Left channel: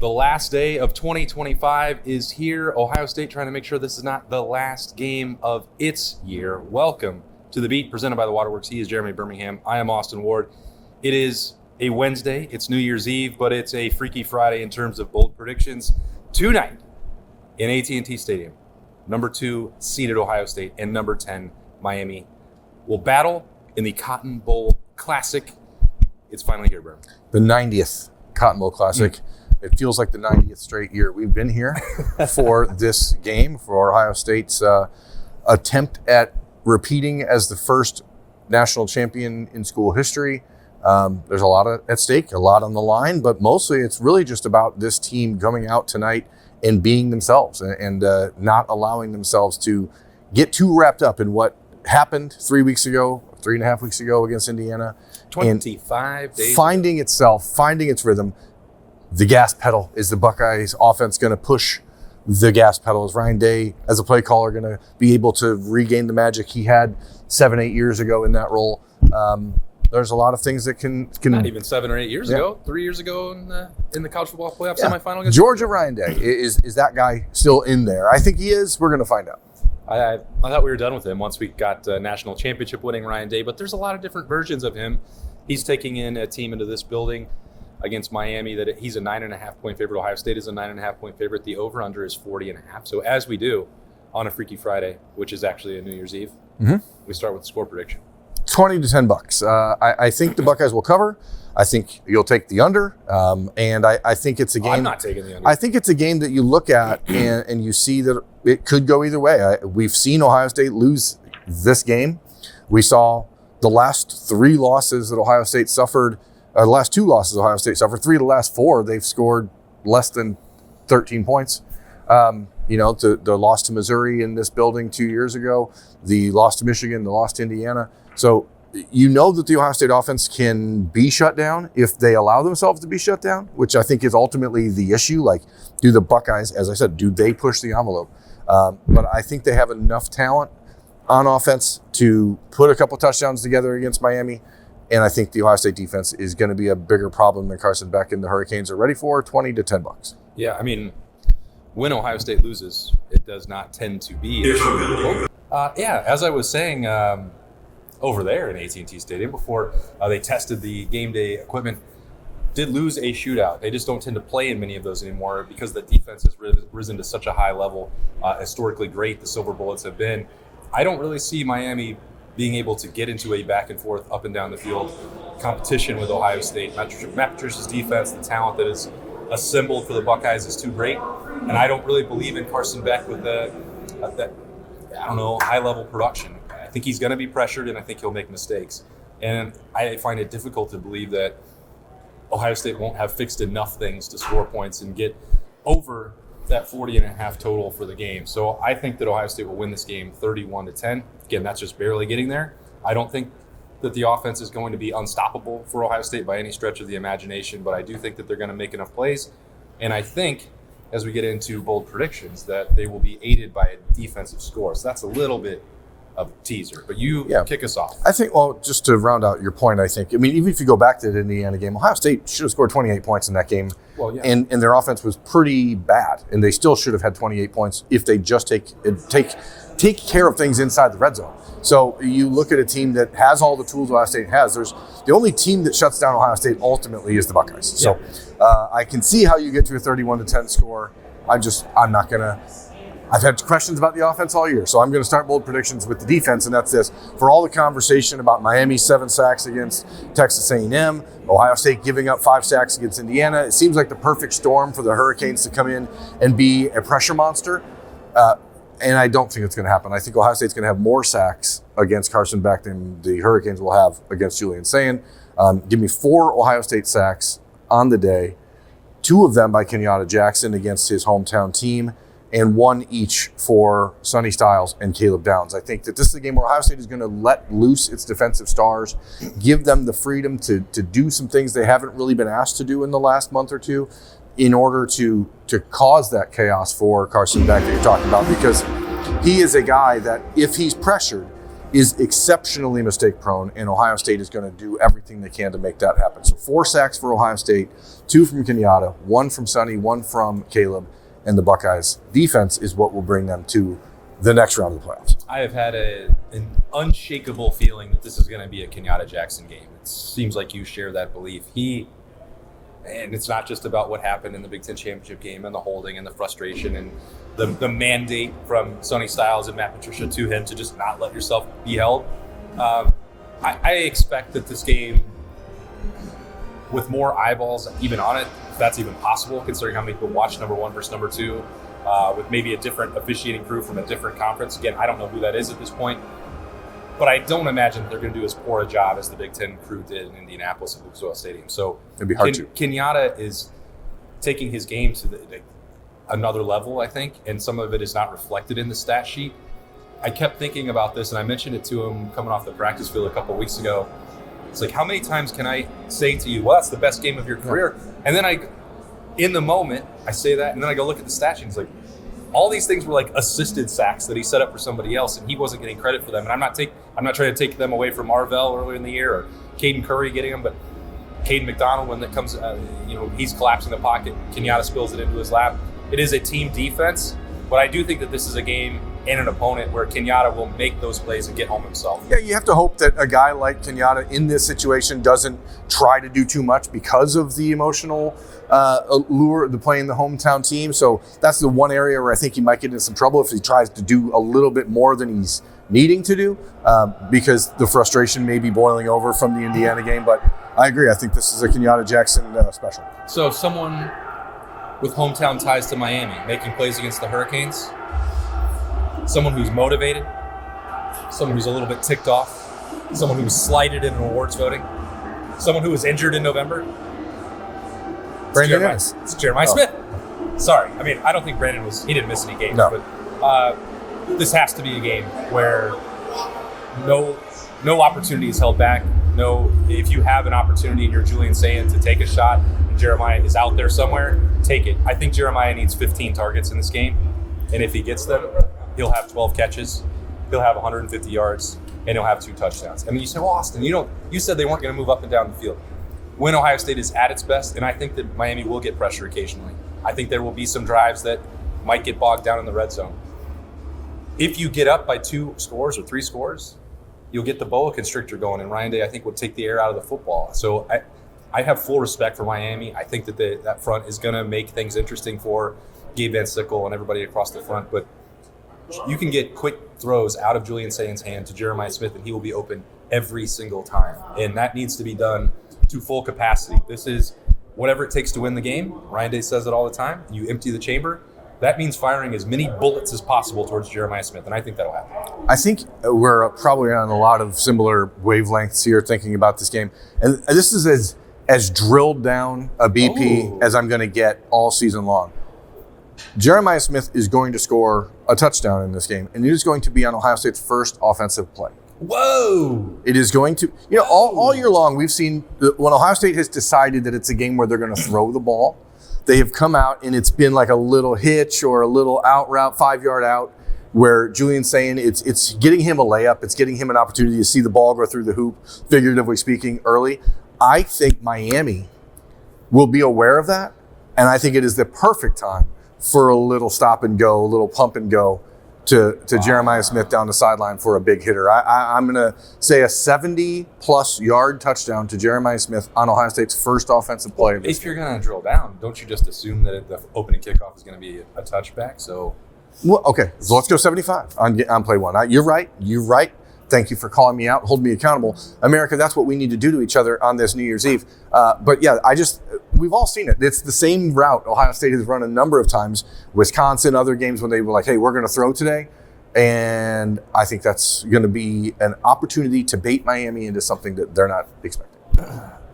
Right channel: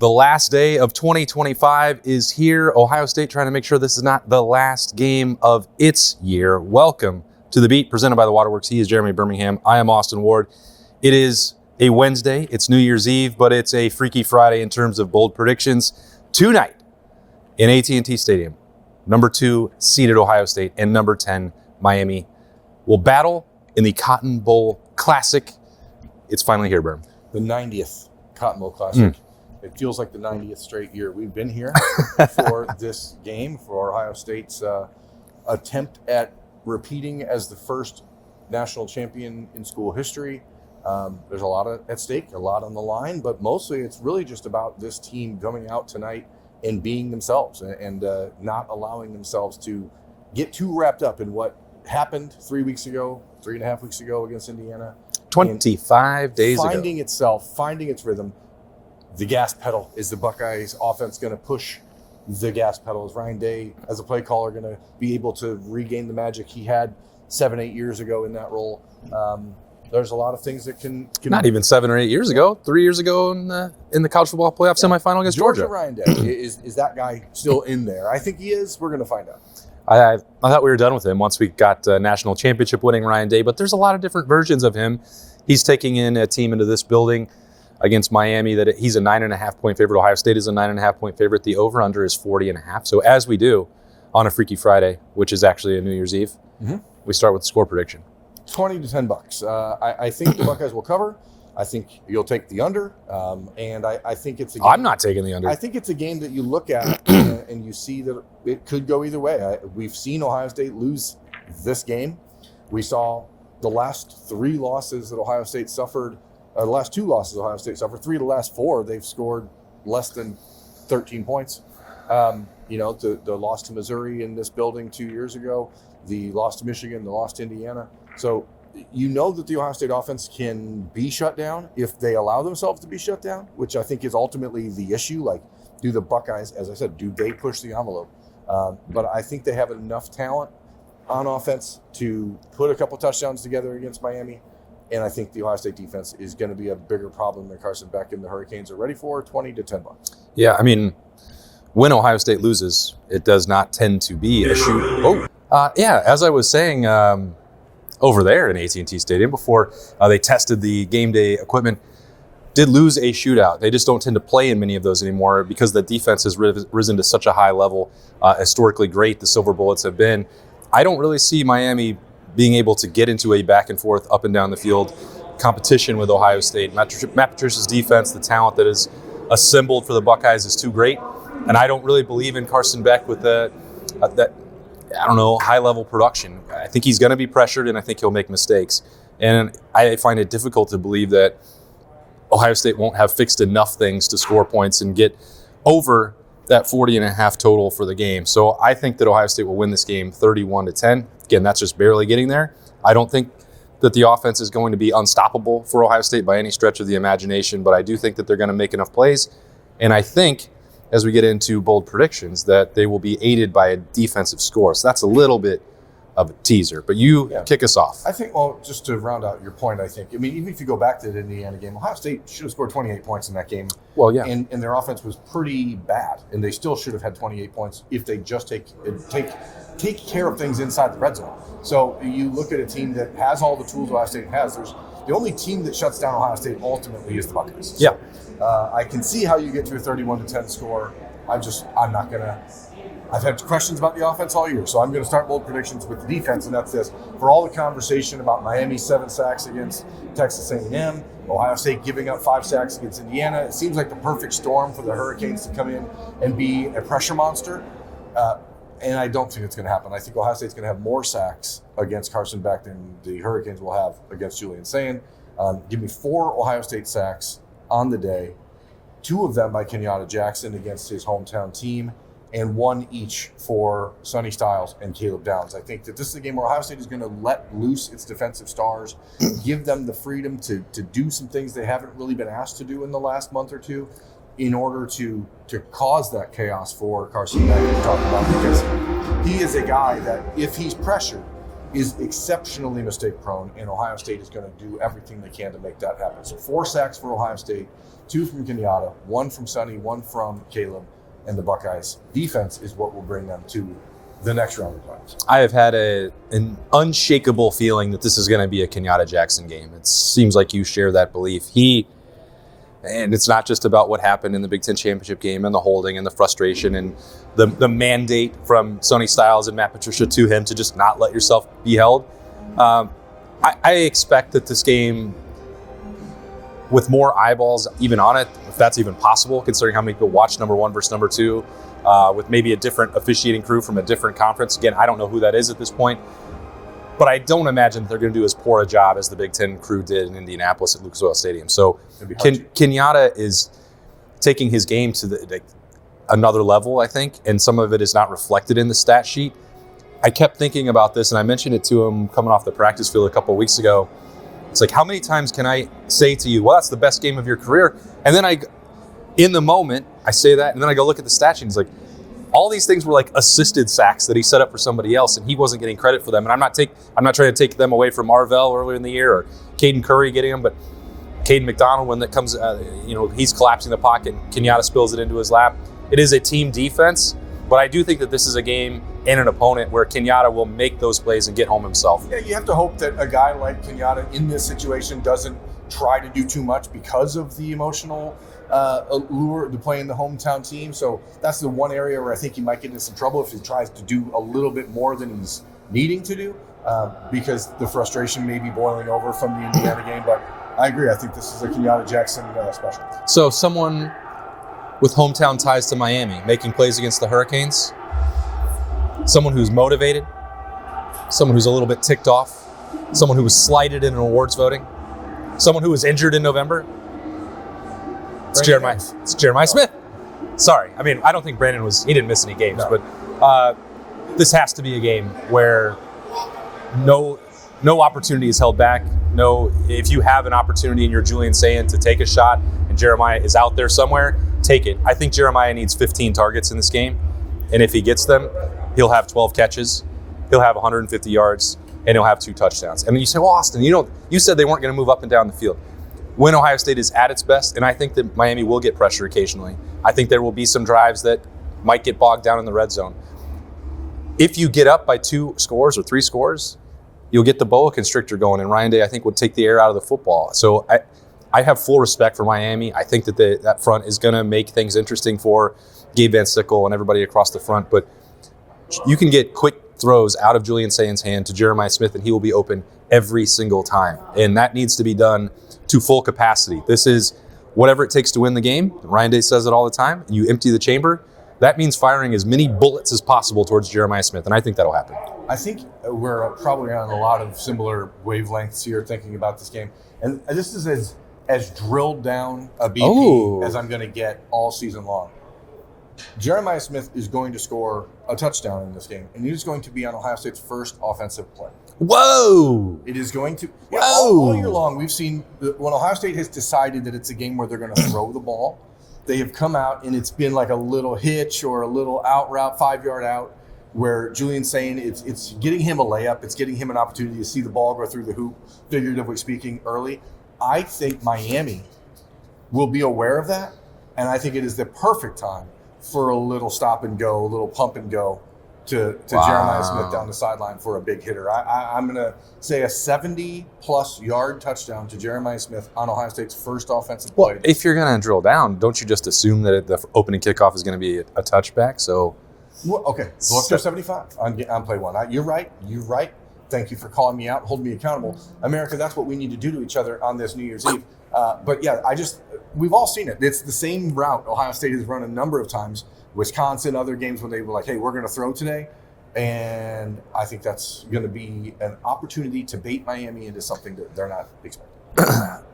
The last day of 2025 is here. Ohio State trying to make sure this is not the last game of its year. Welcome to The Beat, presented by the Waterworks. He is Jeremy Birmingham. I am Austin Ward. It is a Wednesday. It's New Year's Eve, but it's a Freaky Friday in terms of bold predictions. Tonight in AT&T Stadium, number 2 seeded Ohio State and number 10 Miami will battle in the Cotton Bowl Classic. It's finally here, Birm. The 90th Cotton Bowl Classic. It feels like the 90th straight year we've been here for this game, for Ohio State's attempt at repeating as the first national champion in school history. There's a lot at stake, a lot on the line, but mostly it's really just about this team coming out tonight and being themselves and not allowing themselves to get too wrapped up in what happened 3 weeks ago, 3.5 weeks ago against Indiana. 25 days ago. Finding itself, finding its rhythm. The gas pedal. Is the Buckeyes offense going to push the gas pedal? Is Ryan Day, as a play caller, going to be able to regain the magic he had 7-8 years ago in that role? There's a lot of things that can not even 7 or 8 years ago, 3 years ago in the college football playoff semifinal against Georgia. Ryan Day, is that guy still in there? I think he is. We're going to find out. I thought we were done with him once we got national championship winning Ryan Day, but there's a lot of different versions of him. He's taking in a team into this building against Miami that he's a 9.5 point favorite. Ohio State is a 9.5 point favorite. The over under is 40.5. So as we do on a Freaky Friday, which is actually a New Year's Eve, we start with the score prediction. 20 to $10. I think the Buckeyes will cover. I think you'll take the under. And I think it's a game. I'm not taking the under. I think it's a game that you look at and you see that it could go either way. We've seen Ohio State lose this game. We saw the last 3 losses that Ohio State suffered. The last 2 losses Ohio State suffered, 3 of the last 4, they've scored less than 13 points. The loss to Missouri in this building 2 years ago, the loss to Michigan, the loss to Indiana. So you know that the Ohio State offense can be shut down if they allow themselves to be shut down, which I think is ultimately the issue. Like, do the Buckeyes, as I said, do they push the envelope? But I think they have enough talent on offense to put a couple touchdowns together against Miami. And I think the Ohio State defense is going to be a bigger problem than Carson Beck and the Hurricanes are ready for. 20 to $10. Yeah, I mean, when Ohio State loses, it does not tend to be a shoot. As I was saying over there in AT&T Stadium before they tested the game day equipment, did lose a shootout. They just don't tend to play in many of those anymore because the defense has risen to such a high level, historically great the Silver Bullets have been. I don't really see Miami being able to get into a back and forth, up and down the field competition with Ohio State. Matt Patricia's defense, the talent that is assembled for the Buckeyes is too great. And I don't really believe in Carson Beck with that high-level production. I think he's going to be pressured, and I think he'll make mistakes. And I find it difficult to believe that Ohio State won't have fixed enough things to score points and get over that 40.5 total for the game. So I think that Ohio State will win this game 31 to 10. Again, that's just barely getting there. I don't think that the offense is going to be unstoppable for Ohio State by any stretch of the imagination, but I do think that they're going to make enough plays. And I think, as we get into bold predictions, that they will be aided by a defensive score. So that's a little bit of a teaser, but kick us off. I think, just to round out your point, even if you go back to the Indiana game, Ohio State should have scored 28 points in that game. Well, yeah. And their offense was pretty bad, and they still should have had 28 points if they just take care of things inside the red zone. So you look at a team that has all the tools Ohio State has. The only team that shuts down Ohio State ultimately is the Buckeyes. Yeah. So I can see how you get to a 31 to 10 score. I'm not going to. I've had questions about the offense all year, so I'm going to start bold predictions with the defense, and that's this. For all the conversation about Miami's 7 sacks against Texas A&M, Ohio State giving up 5 sacks against Indiana, it seems like the perfect storm for the Hurricanes to come in and be a pressure monster. And I don't think it's going to happen. I think Ohio State's going to have more sacks against Carson Beck than the Hurricanes will have against Julian Sayin. Give me 4 Ohio State sacks on the day, 2 of them by Kenyatta Jackson against his hometown team, and 1 each for Sonny Styles and Caleb Downs. I think that this is a game where Ohio State is going to let loose its defensive stars, give them the freedom to do some things they haven't really been asked to do in the last month or two in order to cause that chaos for Carson Beck that you're talking about, because he is a guy that if he's pressured, is exceptionally mistake prone, and Ohio State is going to do everything they can to make that happen. So 4 sacks for Ohio State, 2 from Kenyatta, 1 from Sonny, 1 from Caleb, and the Buckeyes defense is what will bring them to the next round of the playoffs. I have had an unshakable feeling that this is going to be a Kenyatta Jackson game. It seems like you share that belief. And it's not just about what happened in the Big Ten championship game and the holding and the frustration and the mandate from Sonny Styles and Matt Patricia to him to just not let yourself be held. I expect that this game, with more eyeballs even on it, if that's even possible, considering how many people watch number 1 versus number 2, with maybe a different officiating crew from a different conference. Again, I don't know who that is at this point, but I don't imagine they're going to do as poor a job as the Big Ten crew did in Indianapolis at Lucas Oil Stadium. So Kenyatta is taking his game to another level, I think, and some of it is not reflected in the stat sheet. I kept thinking about this, and I mentioned it to him coming off the practice field a couple of weeks ago. It's like, how many times can I say to you, well, that's the best game of your career? And then in the moment, I say that, and then I go look at the stat sheet, and it's like, all these things were like assisted sacks that he set up for somebody else, and he wasn't getting credit for them. And I'm not trying to take them away from Marvell earlier in the year or Caden Curry getting them, but Caden McDonald, when that comes, he's collapsing the pocket. Kenyatta spills it into his lap. It is a team defense, but I do think that this is a game and an opponent where Kenyatta will make those plays and get home himself. Yeah, you have to hope that a guy like Kenyatta in this situation doesn't try to do too much because of the emotional allure of playing the hometown team. So that's the one area where I think he might get into some trouble if he tries to do a little bit more than he's needing to do, because the frustration may be boiling over from the Indiana game. But I agree. I think this is a Kenyatta Jackson special. So someone with hometown ties to Miami making plays against the Hurricanes, someone who's motivated, someone who's a little bit ticked off, someone who was slighted in awards voting, someone who was injured in November. It's Jeremiah Smith. Sorry. I mean, I don't think Brandon he didn't miss any games, but this has to be a game where no opportunity is held back. If you have an opportunity and you're Julian Sayin to take a shot and Jeremiah is out there somewhere, take it. I think Jeremiah needs 15 targets in this game, and if he gets them, he'll have 12 catches, he'll have 150 yards, and he'll have 2 touchdowns. And then you say, well, Austin, you said they weren't going to move up and down the field. When Ohio State is at its best, and I think that Miami will get pressure occasionally. I think there will be some drives that might get bogged down in the red zone. If you get up by 2 scores or 3 scores, you'll get the boa constrictor going, and Ryan Day, I think, would take the air out of the football. So I have full respect for Miami. I think that that front is going to make things interesting for Gabe Van Sickle and everybody across the front, but you can get quick throws out of Julian Sayin's hand to Jeremiah Smith, and he will be open every single time. And that needs to be done to full capacity. This is whatever it takes to win the game. Ryan Day says it all the time. You empty the chamber. That means firing as many bullets as possible towards Jeremiah Smith, and I think that'll happen. I think we're probably on a lot of similar wavelengths here thinking about this game. And this is as drilled down a BP as I'm going to get all season long. Jeremiah Smith is going to score a touchdown in this game, and it is going to be on Ohio State's first offensive play. Whoa! It is going to, all year long, we've seen when Ohio State has decided that it's a game where they're going to throw the ball, they have come out and it's been like a little hitch or a little out route, 5-yard out, where Julian's saying it's getting him a layup, it's getting him an opportunity to see the ball go through the hoop, figuratively speaking, early. I think Miami will be aware of that, and I think it is the perfect time for a little stop and go, a little pump and go to Jeremiah Smith down the sideline for a big hitter. I'm going to say a 70-plus yard touchdown to Jeremiah Smith on Ohio State's first offensive play. Well, if you're going to drill down, don't you just assume that the opening kickoff is going to be a touchback? So, well, okay, so let's go 75 on play 1. You're right. Thank you for calling me out, holding me accountable. America, that's what we need to do to each other on this New Year's Eve. But yeah, we've all seen it. It's the same route Ohio State has run a number of times. Wisconsin, other games when they were like, hey, we're going to throw today. And I think that's going to be an opportunity to bait Miami into something that they're not expecting.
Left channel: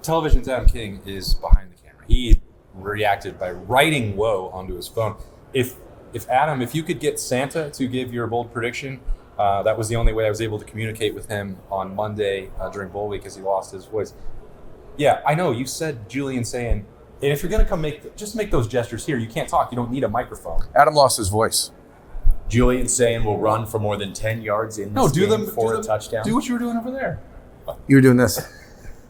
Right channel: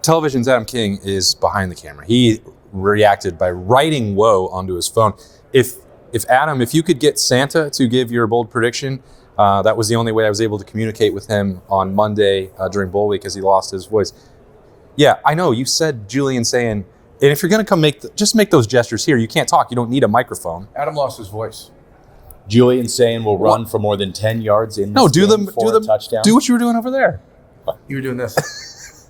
Television's Adam King is behind the camera. He reacted by writing "whoa" onto his phone. If Adam, if you could get Santa to give your bold prediction, that was the only way I was able to communicate with him on Monday during Bowl Week as he lost his voice. Yeah, I know. You said Julian saying, and if you're going to come just make those gestures here. You can't talk. You don't need a microphone. Adam lost his voice. Julian saying we'll run for more than 10 yards in this game for a touchdown. Do what you were doing over there. You were doing this.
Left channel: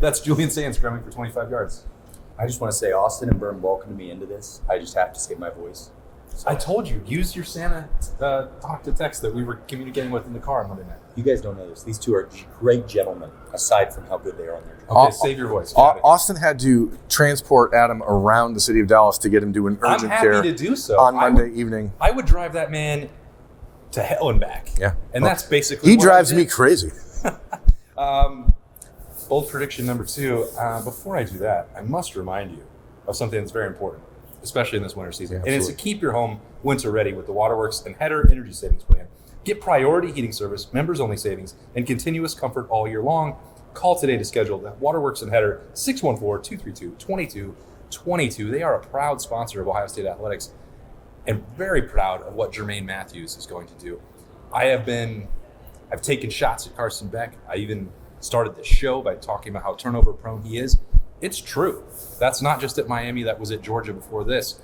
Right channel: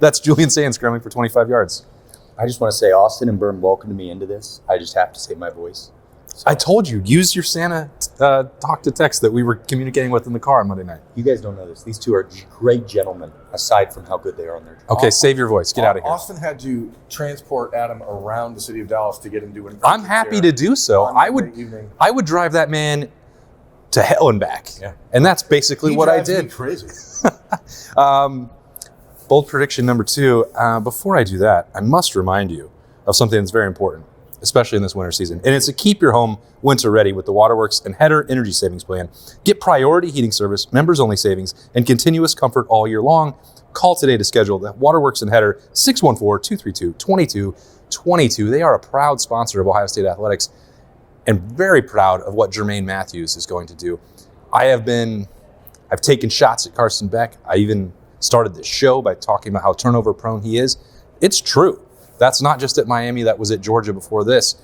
That's Julian saying scrambling for 25 yards. I just want to say Austin and Birm welcomed me into this. I just have to say my voice. So, I told you, use your Santa talk to text that we were communicating with in the car on Monday night. you guys don't know this. These two are great gentlemen, aside from how good they are on their job. Okay, save your voice. Get out of here. Austin had to transport Adam around the city of Dallas to get him to an urgent I'm happy care to do so. on Monday evening. I would drive that man to hell and back. Yeah. And that's basically He what drives I me did. crazy. Bold prediction number 2. Before I do that, I must remind you of something that's very important, especially in this winter season. And it's to keep your home winter ready with the Waterworks and Hetter Energy Savings Plan. Get priority heating service, members-only savings, and continuous comfort all year long. Call today to schedule the Waterworks and Hetter 614-232-2222. They are a proud sponsor of Ohio State Athletics and very proud of what Jermaine Matthews is going to do. I've taken shots at Carson Beck. I even started the show by talking about how turnover prone he is. It's true. That's not just at Miami. That was at Georgia before this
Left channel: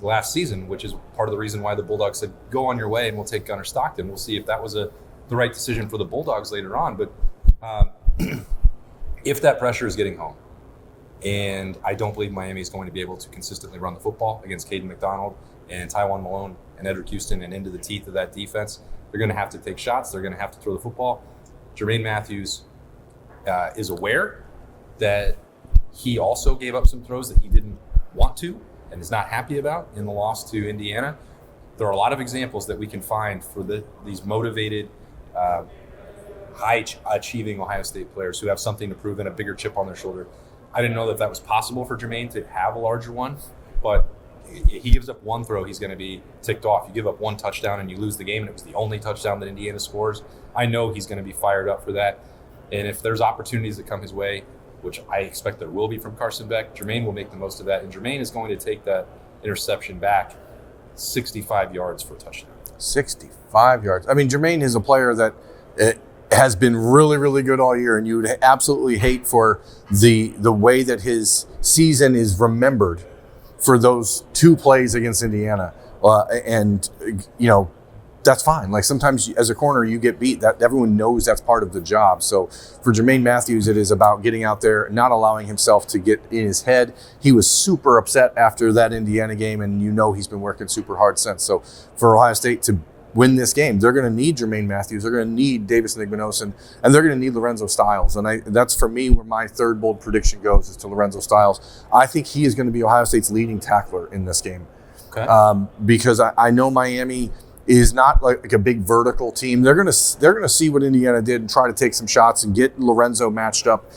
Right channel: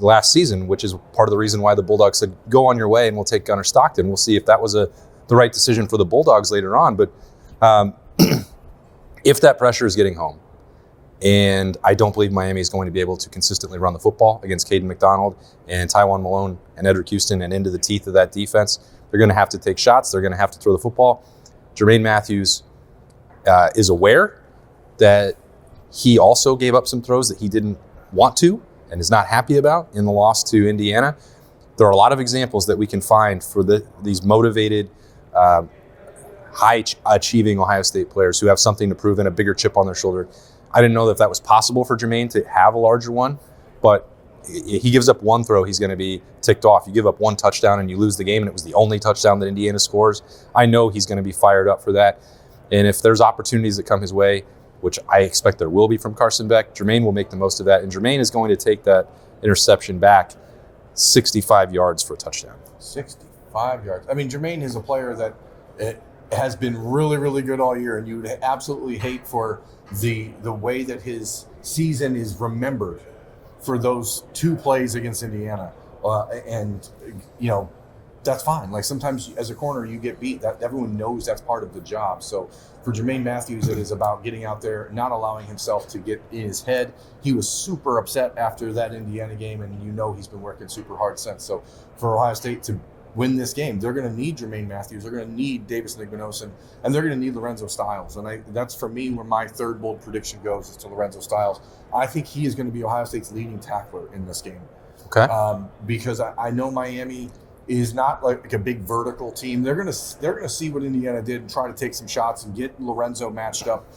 last season, which is part of the reason why the Bulldogs said, go on your way and we'll take Gunnar Stockton. We'll see if that was the right decision for the Bulldogs later on. But if that pressure is getting home, and I don't believe Miami is going to be able to consistently run the football against Caden McDonald and Tywan Malone and Edric Houston and into the teeth of that defense, they're going to have to take shots. They're going to have to throw the football. Jermaine Matthews is aware that he also gave up some throws that he didn't want to and is not happy about in the loss to Indiana. There are a lot of examples that we can find for these motivated, high-achieving Ohio State players who have something to prove and a bigger chip on their shoulder. I didn't know if that was possible for Jermaine to have a larger one, but he gives up one throw, he's going to be ticked off. You give up one touchdown and you lose the game, and it was the only touchdown that Indiana scores. I know he's going to be fired up for that. And if there's opportunities that come his way, which I expect there will be from Carson Beck, Jermaine will make the most of that. And Jermaine is going to take that interception back 65 yards for a touchdown. 65 yards. I mean, Jermaine is a player that has been really, really good all year, and you would absolutely hate for the way that his season is remembered for those 2 plays against Indiana. And, you know, that's fine. Like, sometimes as a corner, you get beat. That everyone knows that's part of the job. So for Jermaine Matthews, it is about getting out there, not allowing himself to get in his head. He was super upset after that Indiana game, and you know he's been working super hard since. So for Ohio State to win this game, they're going to need Jermaine Matthews. They're going to need Davis Nigmanosin, and they're going to need Lorenzo Styles. And that's, for me, where my third bold prediction goes, is to Lorenzo Styles. I think he is going to be Ohio State's leading tackler in this game. Okay. Because I know Miami is not like a big vertical team. They're gonna see what Indiana did and try to take some shots and get Lorenzo matched up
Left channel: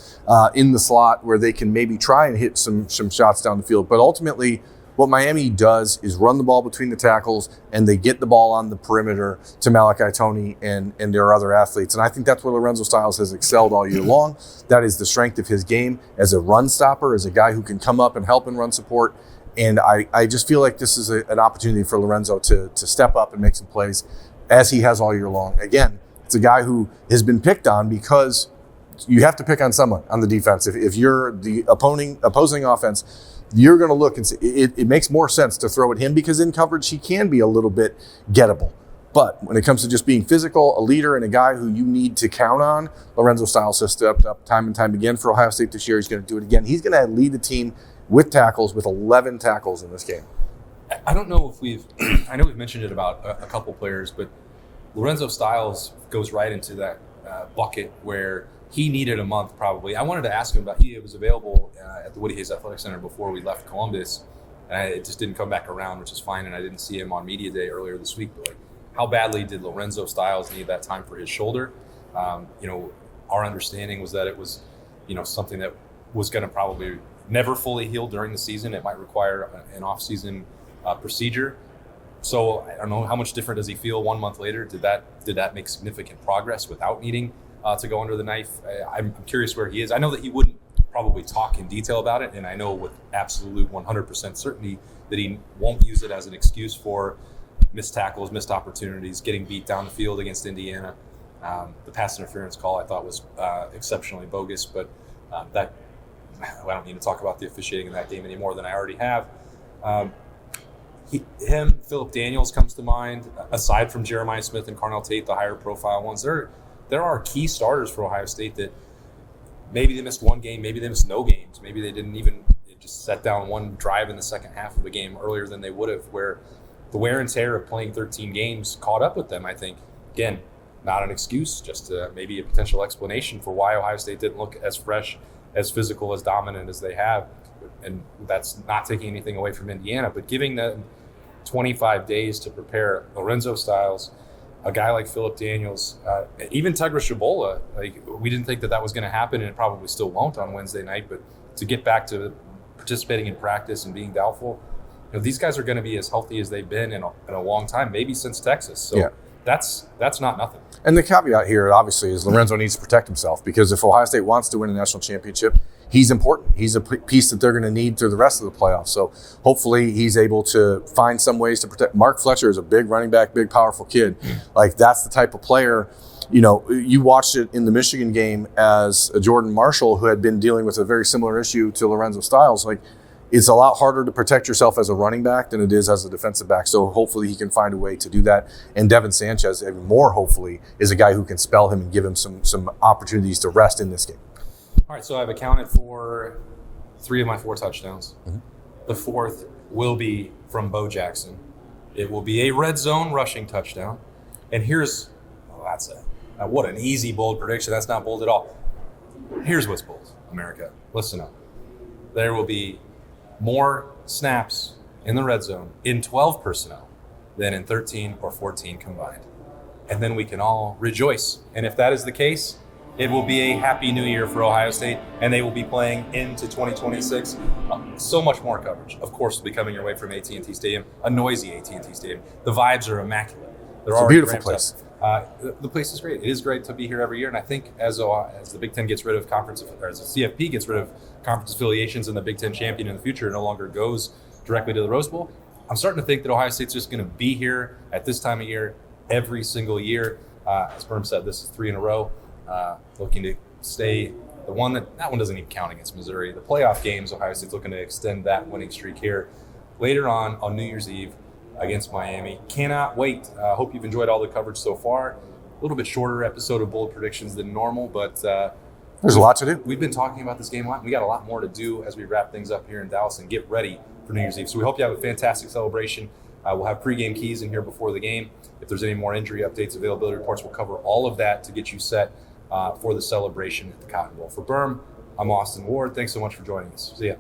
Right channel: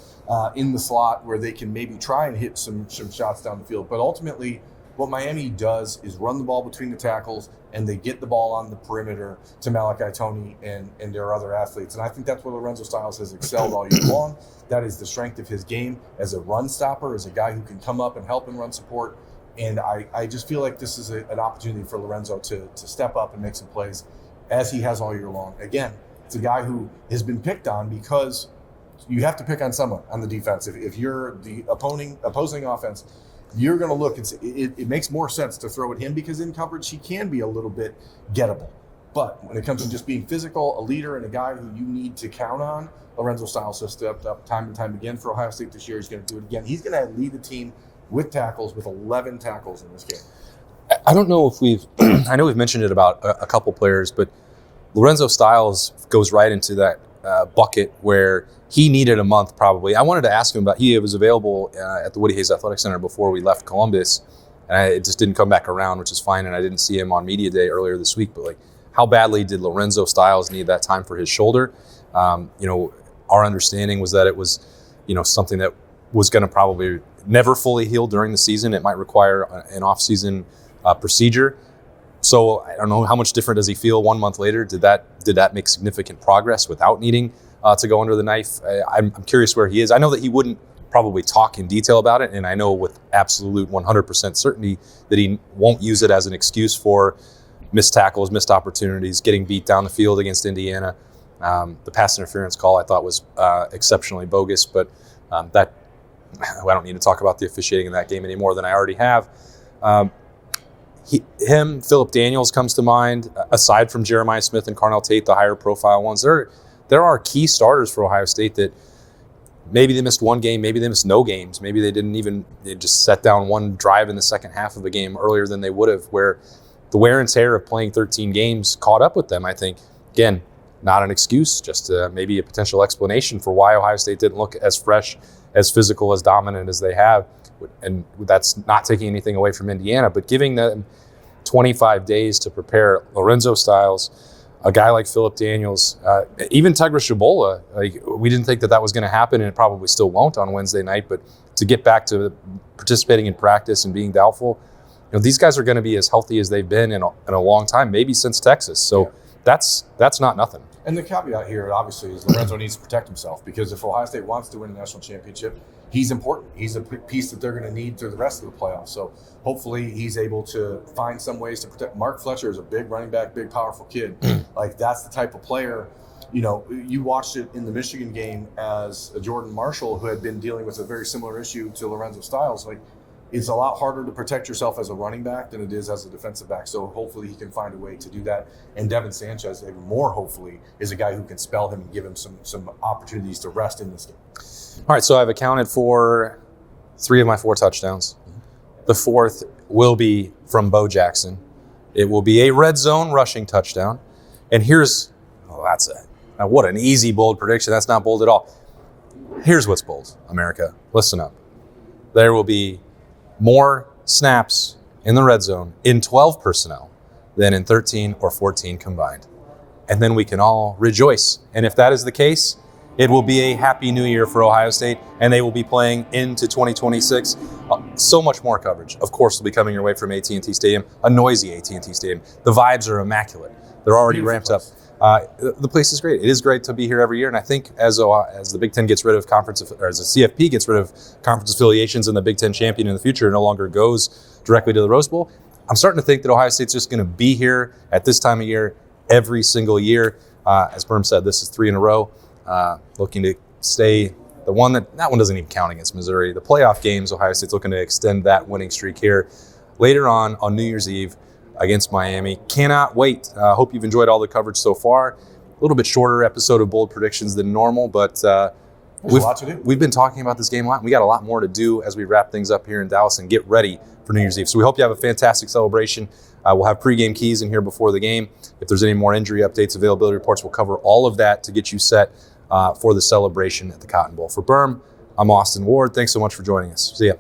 in the slot where they can maybe try and hit some shots down the field. But ultimately, what Miami does is run the ball between the tackles, and they get the ball on the perimeter to Malachi Toney and their other athletes. And I think that's where Lorenzo Styles has excelled all year long. That is the strength of his game as a run stopper, as a guy who can come up and help in run support. And I just feel like this is an opportunity for Lorenzo to step up and make some plays, as he has all year long. Again, it's a guy who has been picked on because you have to pick on someone on the defense. If you're the opposing offense, you're going to look and see. It makes more sense to throw at him because in coverage he can be a little bit gettable. But when it comes to just being physical, a leader, and a guy who you need to count on, Lorenzo Styles has stepped up time and time again for Ohio State this year. He's going to do it again. He's going to lead the team with tackles, with 11 tackles in this game. I don't know if I know we've mentioned it about a couple players, but Lorenzo Styles goes right into that bucket where he needed a month probably. I wanted to ask him about, he was available at the Woody Hayes Athletic Center before we left Columbus, and it just didn't come back around, which is fine, and I didn't see him on media day earlier this week, but like, how badly did Lorenzo Styles need that time for his shoulder? Our understanding was that it was, something that was going to probably never fully heal during the season. It might require an off-season procedure. So I don't know, how much different does he feel 1 month later? Did that make significant progress without needing to go under the knife? I'm curious where he is. I know that he wouldn't probably talk in detail about it, and I know with absolute 100% certainty that he won't use it as an excuse for missed tackles, missed opportunities, getting beat down the field against Indiana. The pass interference call I thought was exceptionally bogus, but I don't need to talk about the officiating in that game any more than I already have. Philip Daniels comes to mind. Aside from Jeremiah Smith and Carnell Tate, the higher profile ones, there are key starters for Ohio State that maybe they missed one game, maybe they missed no games, maybe they just set down one drive in the second half of a game earlier than they would have, where the wear and tear of playing 13 games caught up with them. I think, again, not an excuse, just maybe a potential explanation for why Ohio State didn't look as fresh, as physical, as dominant as they have. And that's not taking anything away from Indiana, but giving them 25 days to prepare Lorenzo Styles, a guy like Philip Daniels, even Tegra Shabola. Like, we didn't think that was going to happen, and it probably still won't on Wednesday night, but to get back to participating in practice and being doubtful, these guys are going to be as healthy as they've been in a long time, maybe since Texas. So that's not nothing. And the caveat here, obviously, is Lorenzo needs to protect himself, because if Ohio State wants to win a national championship, he's important. He's a piece that they're going to need through the rest of the playoffs. So hopefully he's able to find some ways to protect. Mark Fletcher is a big running back, big, powerful kid. Like, that's the type of player. You watched it in the Michigan game as a Jordan Marshall, who had been dealing with a very similar issue to Lorenzo Styles. Like, it's a lot harder to protect yourself as a running back than it is as a defensive back. So hopefully he can find a way to do that. And Devin Sanchez, even more hopefully, is a guy who can spell him and give him some opportunities to rest in this game. All right, so I've accounted for 3 of my 4 touchdowns. Mm-hmm. The 4th will be from Bo Jackson. It will be a red zone rushing touchdown. And what an easy, bold prediction. That's not bold at all. Here's what's bold, America. Listen up. There will be more snaps in the red zone in 12 personnel than in 13 or 14 combined. And then we can all rejoice. And if that is the case, it will be a happy new year for Ohio State, and they will be playing into 2026. So much more coverage, of course, will be coming your way from AT&T Stadium, a noisy AT&T Stadium. The vibes are immaculate. They're already ramped up. The place is great. It is great to be here every year, and I think as the Big Ten gets rid of as the CFP gets rid of conference affiliations and the Big Ten champion in the future no longer goes directly to the Rose Bowl, I'm starting to think that Ohio State's just going to be here at this time of year every single year. As Birm said, this is 3 in a row. Looking to stay the one that one doesn't even count against Missouri. The playoff games, Ohio State's looking to extend that winning streak here later on New Year's Eve against Miami. Cannot wait. Hope you've enjoyed all the coverage so far. A little bit shorter episode of Bold Predictions than normal, but there's a lot to do. We've been talking about this game a lot. We got a lot more to do as we wrap things up here in Dallas and get ready for New Year's Eve. So we hope you have a fantastic celebration. We'll have pregame keys in here before the game. If there's any more injury updates, availability reports, we'll cover all of that to get you set for the celebration at the Cotton Bowl. For Birm, I'm Austin Ward. Thanks so much for joining us. See ya.